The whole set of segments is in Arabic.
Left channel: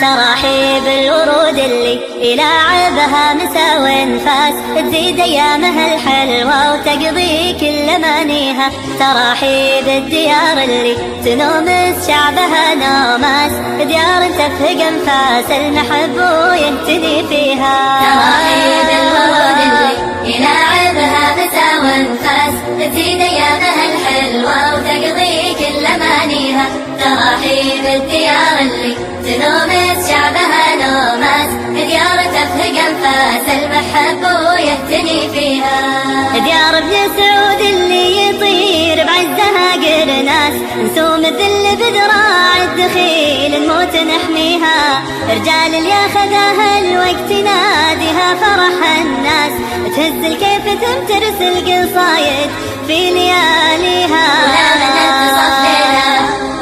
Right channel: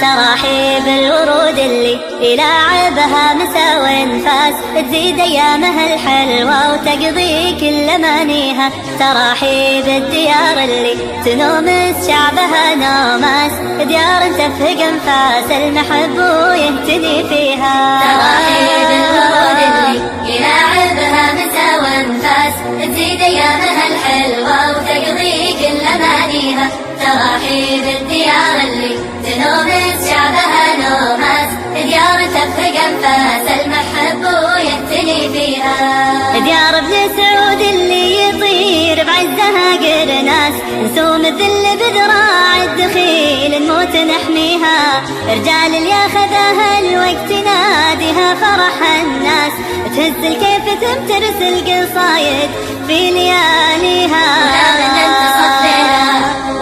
تراحيب الورود اللي يلاعبها مسا وانفاس، تزيد ايامها الحلوة وتقضي كل امانيها. تراحيب الديار اللي تنومس شعبها نوماس، ديار تفهق انفاس المحب ويهتدي فيها. تراحيب الورود اللي يلاعبها مسا وانفاس، تزيد ايامها الحلوة وتقضي كل امانيها. تراحيب الديار اللي تنومس شعبها نوماس، ديار تفهق انفاس المحب ويهتني فيها. ديار ابن سعود اللي يطير بعزها قرناس، نسوم الذل بذراع الدخيل نموت نحميها. رجال اللي ياخذها الوقت ناديها فرح الناس، تهز الكيف تمترس القصايد في لياليها.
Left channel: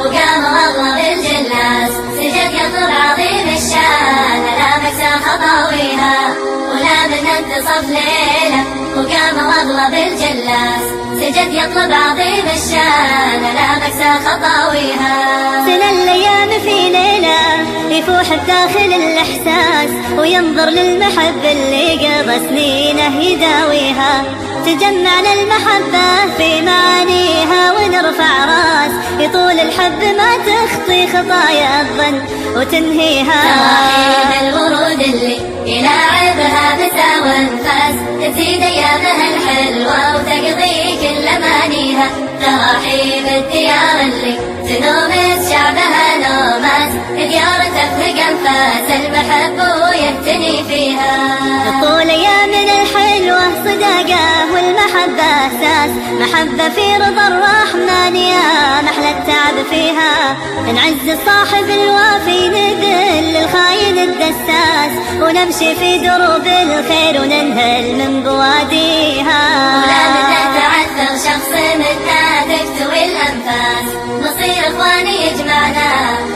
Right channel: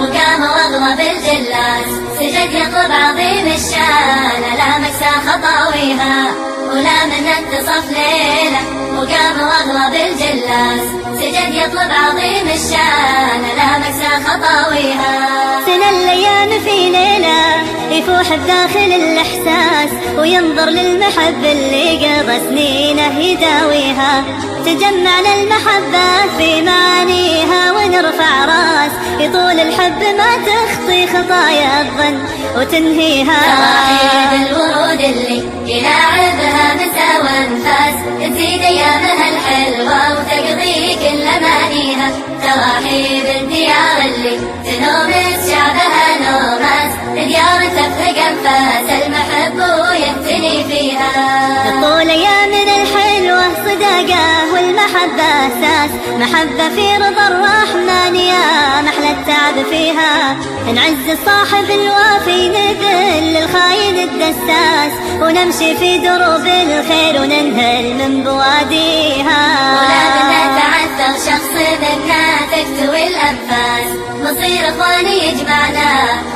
وقام والله بالجلاس، سجد يطلب عظيم الشان، لا مكسى خطاويها ولا من اتصف ليله. وقام والله بالجلاس، سجد يطلب عظيم الشان، لا مكسى خطاويها. سنة الأيام في ليلة يفوح بداخل الإحساس، وينظر للمحب اللي قضى سنينه يداويها. تجمعنا المحبة في معانيها ونرفع راس، يطول الحب ما تخطي خطايا الظن وتنهيها. تراحيب الورود اللي يلاعبها مسا وانفاس، تزيد ايامها الحلوة وتقضي كل امانيها. تراحيب الديار اللي تنومس شعبها نوماس، ديار تفهق انفاس المحب ويهتني فيها. طول ايامنا الحلوة صداقة والمحبة اساس، محبة في رضا الرحمن يا محلى التعب فيها. نعز صاحب الوافي نذل الخاين الدساس، ونمشي في دروب الخير وننهل من بواديها. ولا نتعثر شخص منا تكتوي الانفاس، نصير اخواني يجمعنا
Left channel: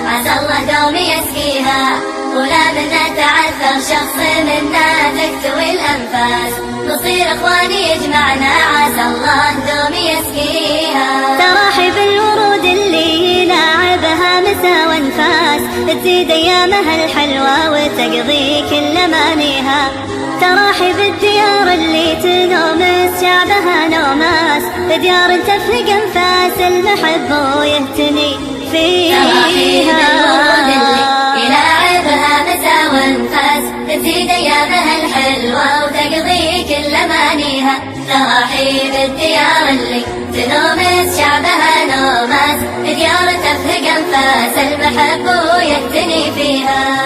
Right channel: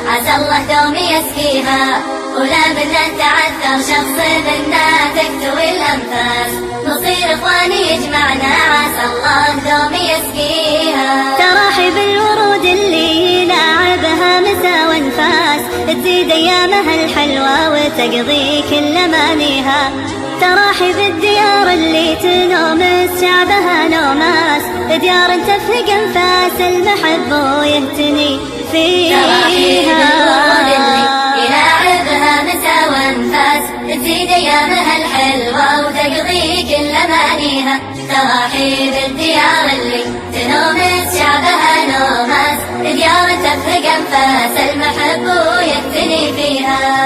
عسى الله دوم يسقيها. ولا نتعثر شخص منا تكتوي الانفاس، نصير اخواني يجمعنا عسى الله دوم يسقيها. تراحيب الورود اللي يلاعبها مسا وانفاس، تزيد ايامها الحلوة وتقضي كل امانيها. تراحيب الديار اللي تنومس شعبها نوماس، ديار تفهق انفاس المحب ويهتني فيها. يلاعبها مسا وانفاس، تزيد ايامها الحلوة وتقضي كل امانيها. تراحيب الديار اللي تنومس شعبها نوماس، ديار تفهق انفاس المحب ويهتني فيها.